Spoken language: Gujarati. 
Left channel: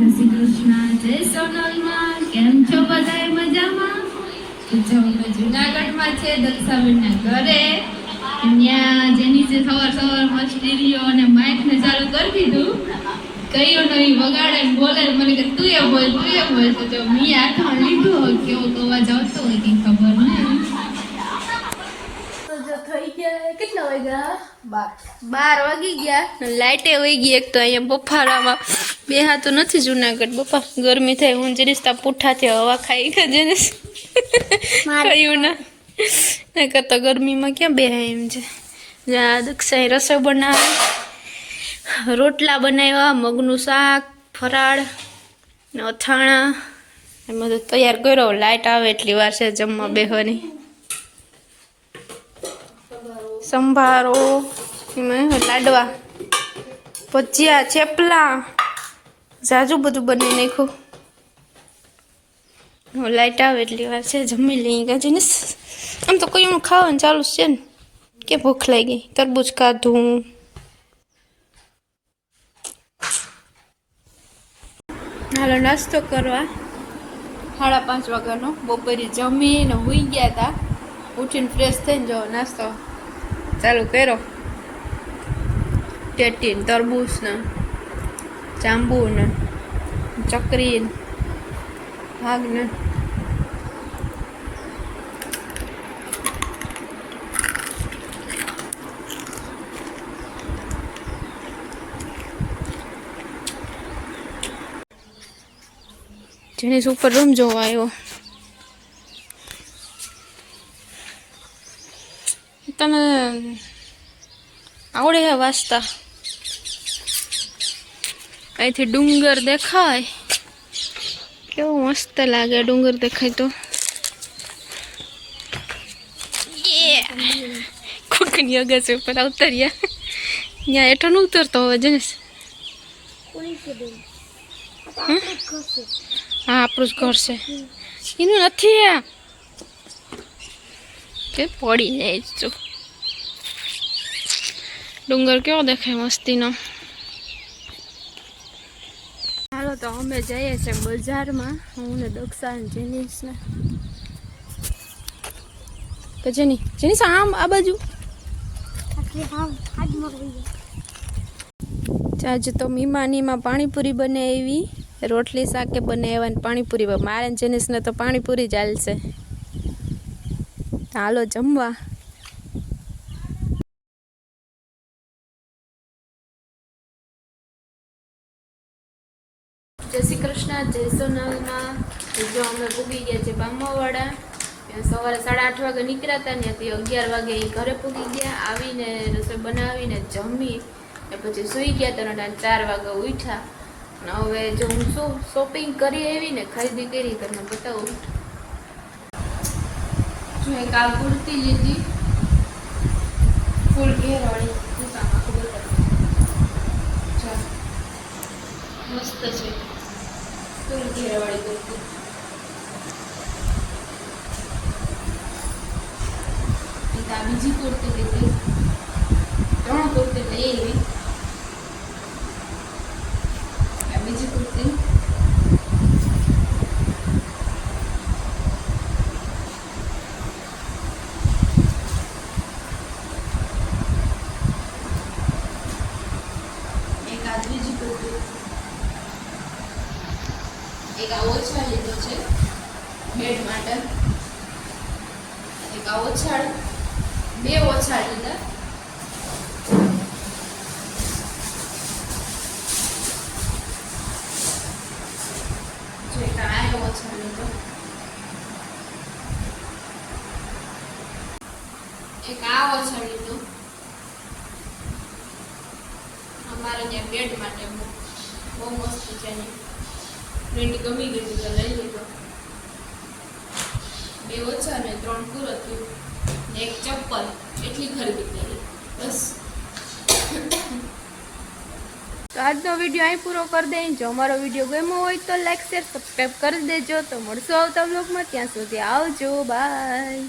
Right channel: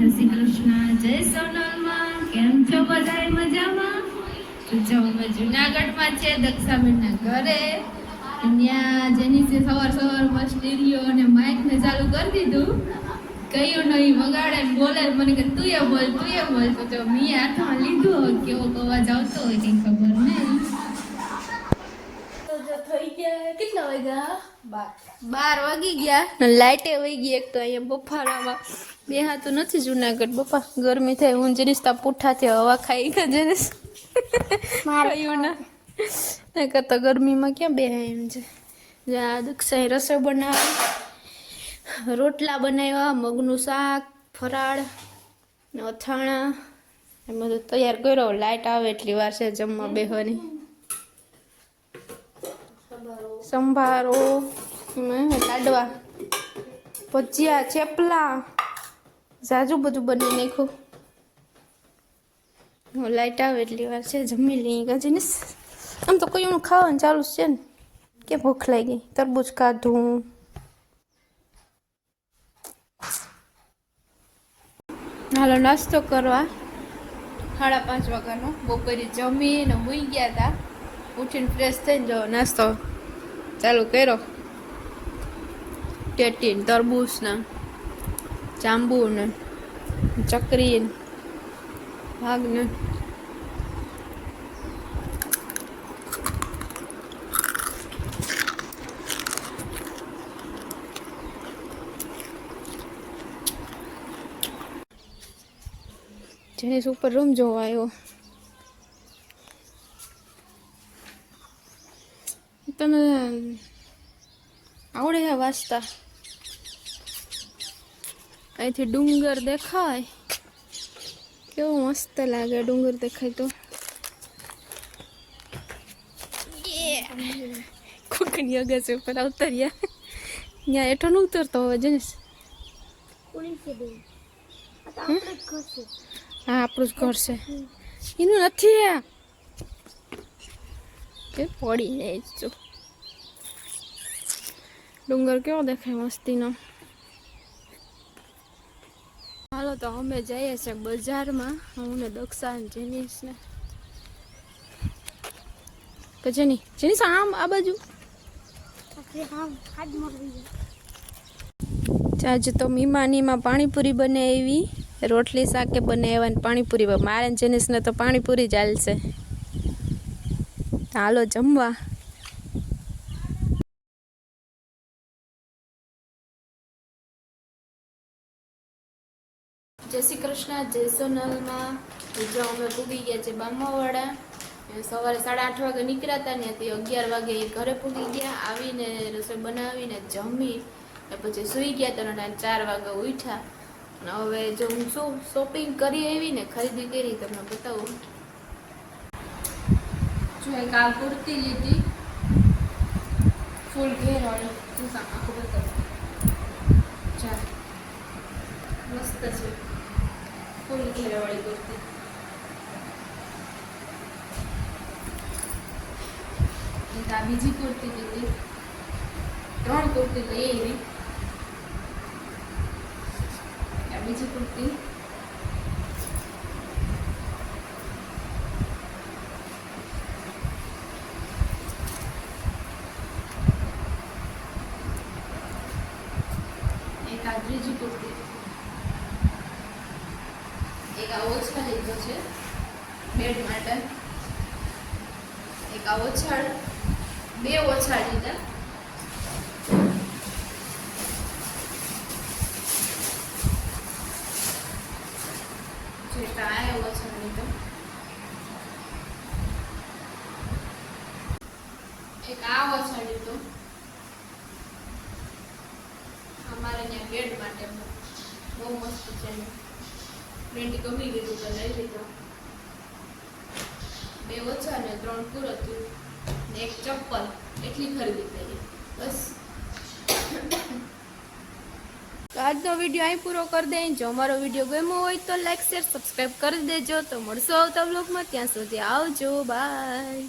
જય શ્રી કૃષ્ણ, જય સોનલમાં. કેમ છો બધાય મજામાં? જો અમે જુનાગઢમાં છે દક્ષાબેનના ઘરે. ત્યાં જેનીસે સવાર સ્ટીરિયો અને માઇકને ચાલુ કરી દીધું. કયો નહીં વગાડે ને બોલે ને મને કે તું એ બોલ તો જો મેં હાથમાં લીધું હોય કેવો અવાજ આવતો હોય કંઈ ખબર નહીં. કેટલા વાગ્યા? 12 વાગી ગયા. લાઈટે વહી ગઈ. એક તો અહીંયા બફારામાં બેહાતું નથી જુનાગઢ. બપા ગરમી થાય. હું જરીસ્તા પૂઠાથી હવા ખાઈ ખજે કહ્યું ના કરતા ગરમીમાં ક્યાં બેહાય એમ છે. જ્યાં દક્ષાએ રસોઈ બનાવી, રોટલા બનાવ્યા, મગનું શાક, ફરાળ ને અથાણા એમ બધું તૈયાર કર્યો. લાઈટ આવે એટલી વાર છે જમવા બેહવાની. સંભારો, લાડવા, ભજીયા, ચેપલા, ઝાઝું બધું બનાવી નાખ્યું. લાઈટ આવે એટલી વાર છે જમી લઈએ ગાજીને. આમ તો કોઈ ખાવાનું ચાલુ છે ને કે ભૂખ લાગી. તરબૂચ ખાધું. હાલો નાસ્તો કરવા. 5:30 વાગ્યાનો. બપોરે જમીને હુઈ ગયા હતા. ઉઠીને ફ્રેશ થઈને જો નાસ્તો ચાલુ કર્યો. ટેટી ને તરબૂચ ને જાંબુ ને ચકરી ને ભાગ ને જેની ઉપર રૂમ જોવા આવ્યો. તને આવડે હે વાંચતા? અહીંથી ડુંગર દેખાય. કેવો મસ્ત લાગે ડુંગર દેખાય તો. કોકની અગાસી ઉપર ઉતર્યા. ત્યાં હેઠો ન ઉતરતો હવે જનેશ. હા આપણું જ ઘર છે. એનું નથી કે પડી જાય છું. ડુંગર કેવો દેખાય મસ્તીનો. હાલો તો અમે જઈએ છીએ બજારમાં. હું ને દક્ષા ને જેનીસ ને જેનીસ આમ આ બાજુ. આજે તો મીમાનીમાં પાણીપુરી બનાવી, રોટલી શાકે બનાવ્યા ને પાણીપુરી. મારે જેનીસને તો પાણીપુરી ચાલશે. હાલો જમવા. જય શ્રી કૃષ્ણ, જય સોનલમાં. જો અમે પૂગી ગયા છે બામાવાડા. સવારે 8:30 વાગે નીકળ્યા હતા. ત્યાંથી 11 વાગે ઘરે પૂગી ગયા. આવીને રસોઈ બનાવીને જમી પછી સુઈ ગયા હતા. 4 વાગે ઉઠ્યા. હવે જો હું શું શોપિંગ કરી આવી ને ખરીદી કરી તમને બતાવું. જો એક આ કુર્તી લીધી ફૂલ ઘેરવાળી. મસ્ત છે ફૂલ ઘેરવાળી કુર્તી. એક આ બીજી કુર્તી લીધી. 3 કુર્તી લઈ આવી. આ બીજી કુર્તી. એક આ ઓછા લીધો છે બેડ માટે. એક આ ઓછાળ, 2 ઓછાળ લીધા. જો એક આ ઓછાળ લીધો. એક આ ઓછાળ લીધો. અમારે ત્યાં બેડ માટે બહુ મસ્ત છે. રેડી ગમી ગયું તો લઈ લીધો. 2 ઓછા ને 3 પૂરો થયું. એક ચપ્પલ એટલી ખરીદી કરી બસ. આજનો વિડીયો અહીં પૂરો કરી દઈએ. જો અમારો વિડીયો ગમ્યો હોય તો લાઈક શેર સબસ્ક્રાઈબ કરી દેજો. તો મળશું આવતા વ્લોગમાં. ત્યાં સુધી આવજો. બાય.